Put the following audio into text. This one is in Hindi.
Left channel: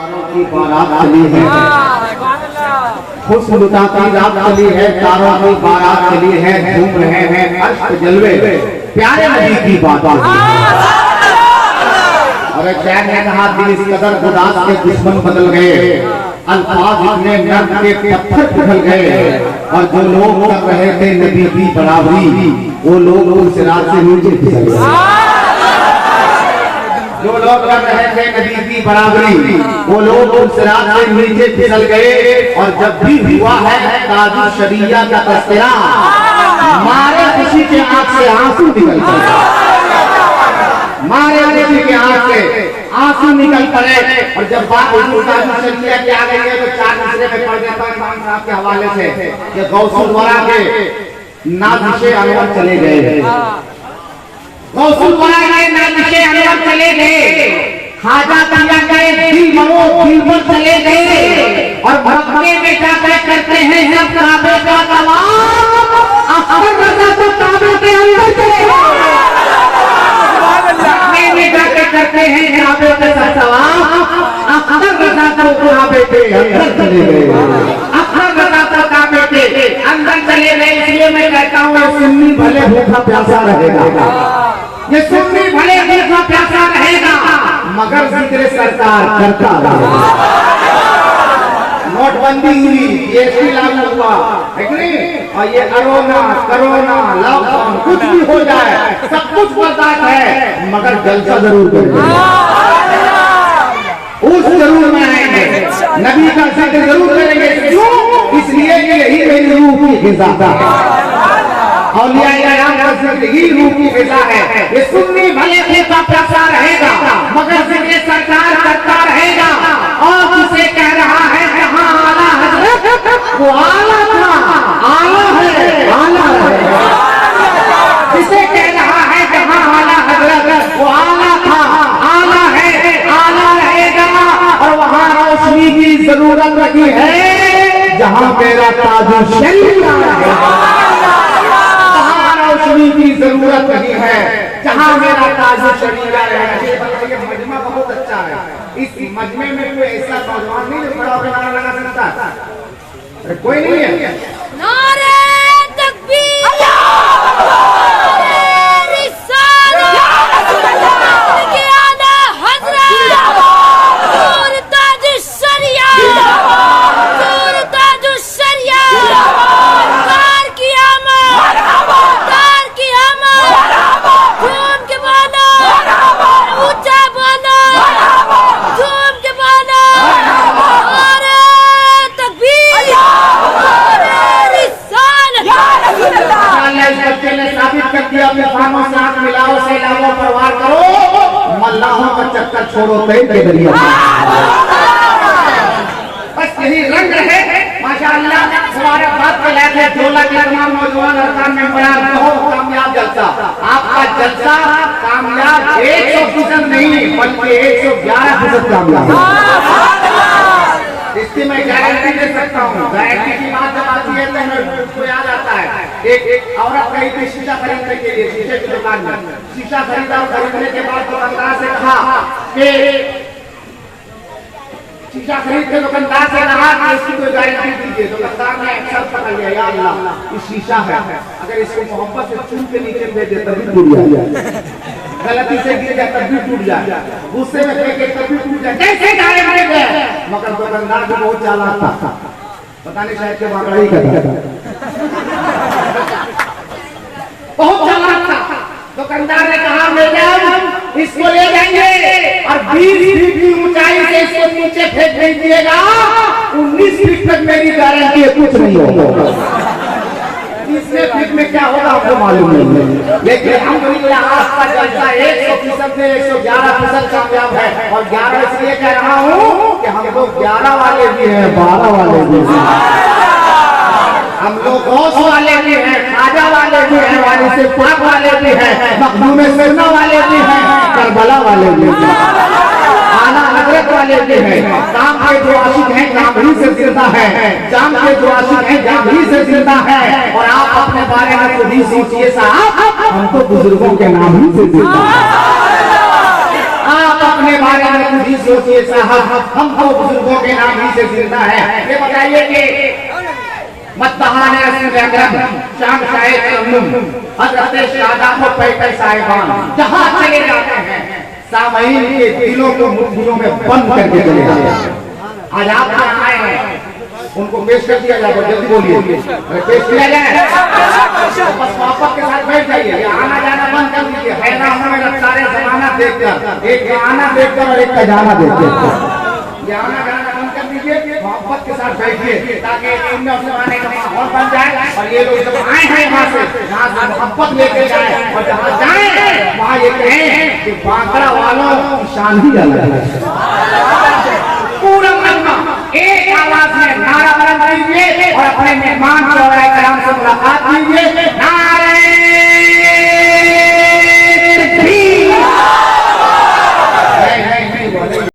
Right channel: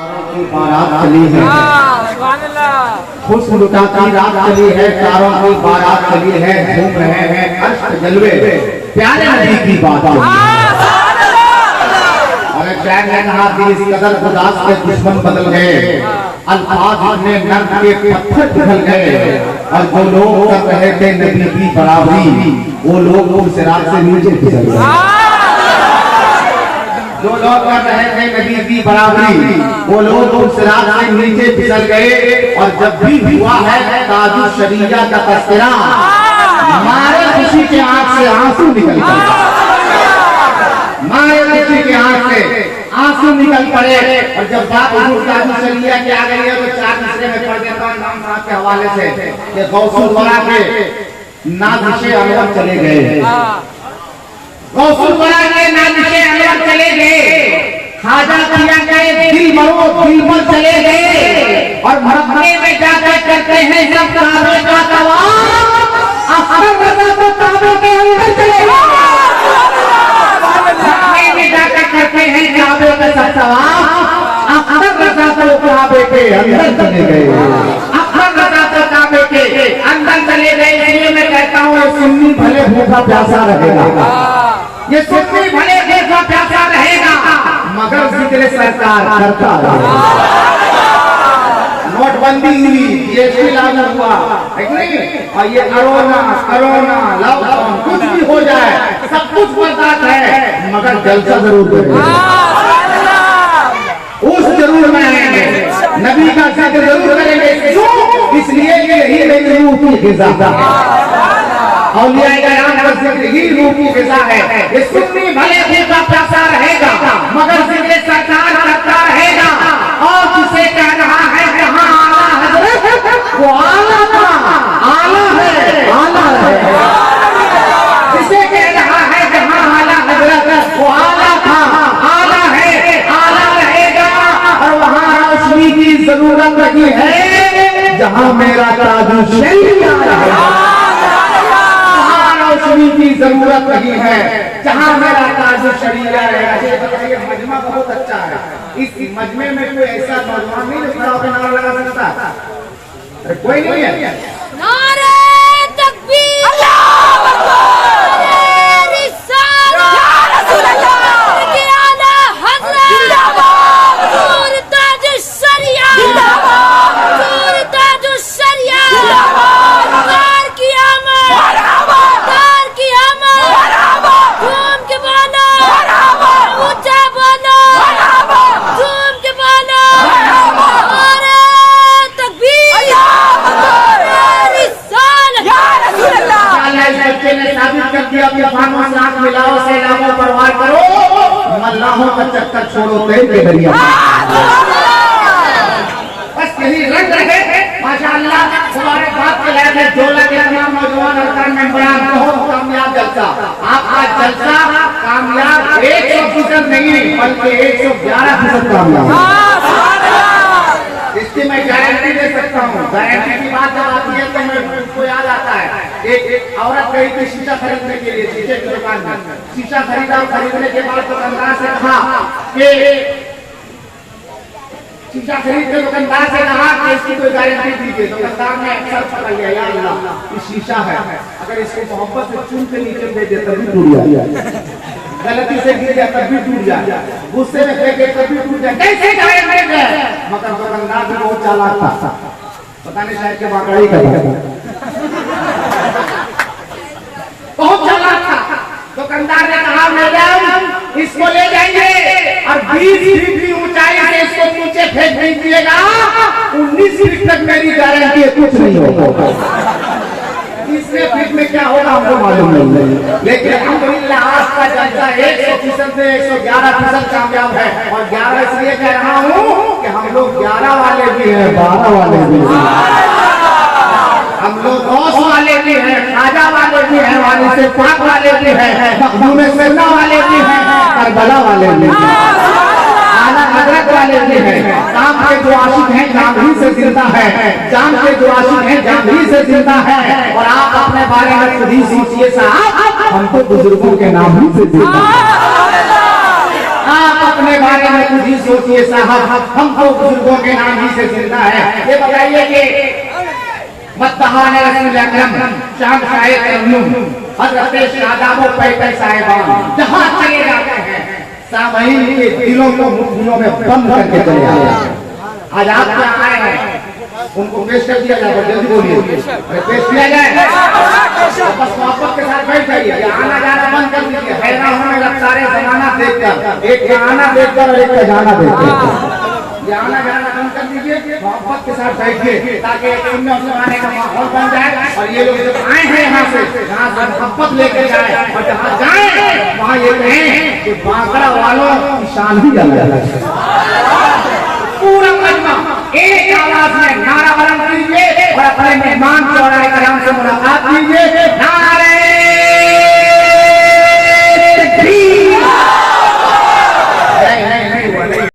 की बारात चली है, खुश लुटा की रात चली है, तारों की बारात चली है, घूम रहे हैं अष्ट जलवे, प्यारे नबी की बात होगी। और प्यार ने कहा दिल इस कदर उदास के दुश्मन बदल गए, अल्फाज इतने नर्म के पत्थर पिघल गए, और जो लोग कर रहे थे नबी की बराबरी, वो लोग उस रात से नीचे फिसल गए। जो लोग कर रहे थे नबी की बराबरी, वो लोग उस रात से नीचे फिसल गए। और जब भी हुआ है ताजु शरिया का तस्करा, मारे किसी के आंख से आंसू निकल पड़े, मारे किसी के आंख से आंसू निकल पड़े। और जब बात ताजु शरिया की आ गई है तो चार दूसरे में पढ़ देता हूँ इमाम साहब के हवाले से कि गौसुल वरा के नाज़िशे अनवर चले गए, गौसुल वरा के नाज़िशे अनवर चले गए, खाजा पिया गए दिल मरो दिल पर चले गए। और मक्के में जाकर करते हैं जब काबे का तवाफ, अख्तर रज़ा तो काबे के अंदर चले गए, मक्के में जाकर करते हैं काबे का तवाफ, अख्तर रज़ा तो काबे के अंदर चले गए, अख्तर रज़ा तो काबे के अंदर चले गए। इसलिए मैं कहता हूँ सुन्नी भले भूखा प्यासा रहेगा, ये सुन्नी भले भूखा प्यासा रहेगा, मगर जिक्र सरकार करता रहेगा। नोटबंदी हुई, जीएसटी लागू हुआ, ठीक नहीं? और ये कोरोना लॉकडाउन कुछ भी हो जाए सब कुछ बर्दाश्त है, मगर जलसा जरूर करेंगे, उस जरूर मनाएंगे, नबी का जिक्र जरूर करेंगे। क्यों? इसलिए कि यही मेरी रूह की ग़िज़ा है, औलिया किराम का जिक्र ही रूह की ग़िज़ा है। ये सुन्नी भले भूखा प्यासा रहेगा, मगर जिक्र सरकार करता रहेगा। और जिसे कह रहा है जहां आला हजरत वो आला था, आला है, आला है। जिसे कह रहा है जहां आला हजरत वो आला था, आला है, आला रहेगा। और वहां रोशनी की जरूरत नहीं है जहां मेरा ताजु शरीया रहेगा, रोशनी की जरूरत नहीं है जहां मेरा ताजु शरीया रहेगा। ये बताइए मजमा बहुत अच्छा है, इस मजमे में कोई ऐसा नौजवान नहीं जो खड़ा होकर नारा लगा सकता? कोई नहीं है। नारे तकबीर, नारे रिसालत, के आला हज़रत, नूर ताज शरिया, नूर ताज शरिया, तार की आमद, तार की आमद, झूम के बोलो, ऊंचा बोलो, झूम के बोलो, नारे तकबीर, नारे रिसालत। इस बच्चे ने साबित कर दिया, तूफानों से आंख मिलाओ, सैलाबों पर वार करो, मल्लाहों का चक्कर छोड़ो तैर के दरिया। बस यही रंग रहे माशाअल्लाह। हमारे बाप के लायक है जोला के तमाम नौजवान अरकान में बयान, बहुत कामयाब जलसा, आपका जलसा कामयाब 100% नहीं बल्कि 111% कामयाब है। इसकी मैं गारंटी दे सकता हूँ। गारंटी की बात जब आती है तो मैं उसको याद आता है, एक औरत गई थी शीशा खरीदने के लिए, शीशे की दुकान में शीशा खरीदा। खरीदने के बाद दुकानदार से कहा कि शीशा खरीद के दुकानदार से कहा कि इसकी कोई गारंटी दीजिए। दुकानदार ने अक्सर पकड़ लिया, या अल्लाह ये शीशा है, अगर इसको मोहब्बत से चुन के नीचे दे दे तभी टूट जाए, गलती से गिर जाए तब भी टूट जाए, गुस्से में फेंके तब भी टूट जाए, कैसे गारंटी है? मगर दुकानदार भी बहुत चालाक था, पता नहीं शायद के वाकई का बहुत चालाक था। दुकानदार ने कहा मैडम इसको ले जाइए और 20 फीट की ऊंचाई से इसको नीचे फेंक दीजिएगा, 19 फीट तक मेरी गारंटी है कुछ नहीं होगा। 30वें फीट में क्या होगा हमको मालूम नहीं, लेकिन अल्हम्दुलिल्लाह आपका जलसा 100% में 111% कामयाब है। और 11 इसलिए कह रहा हूँ कि हम लोग 11 वाले भी हैं, 12 वाले भी हैं, हम लोग गौस वाले भी हैं, खाजा वाले भी हैं, वाली से पाक वाले भी हैं, मखदूम सिरना वाले भी हैं, करबला वाले भी हैं, आला हजरत वाले भी हैं। काम के जो आशिक हैं काम ही से जिंदा है, जान के जो आशिक हैं जान ही से जिंदा है। और आप अपने बारे में खुद ही सोचिए साहब, हम तो बुजुर्गों के नाम ही से जिंदा हैं। आप अपने बारे में खुद ही सोचिए साहब, हम तो बुजुर्गों के नाम ही से जिंदा है। ये बताइए कि मतबहान रसूल अकरम चांद साहिब तरन्नुम हजरत शादाब व पैकर साहिबान जहां चले जाते हैं सामईन के दिलों को मुट्ठियों में बंद करके चले जाते हैं। आज आप यहाँ आए हैं, उनको पेश कर दिया जाए, जल्दी बोलिए, पेश किया जाए, बस मोहब्बत के साथ बैठ जाइए। आना जाना बंद कर दीजिए, हैरान होने लग सारे जमाना देखकर, एक का आना देखकर और एक का जाना देखकर। ये आना जाना बंद कर दीजिए, मोहब्बत के साथ बैठिए ताकि दुनिया से आने का माहौल बन जाए। और ये लोग जब आए हैं यहाँ से मोहब्बत लेकर जाए और जहाँ जाए वहाँ ये कहें कि बांकड़ा वालों की शान ही अलग है। पूरा मजमा एक आवाज में नारा बुलंद कीजिए और अपने मेहमान चौड़ाई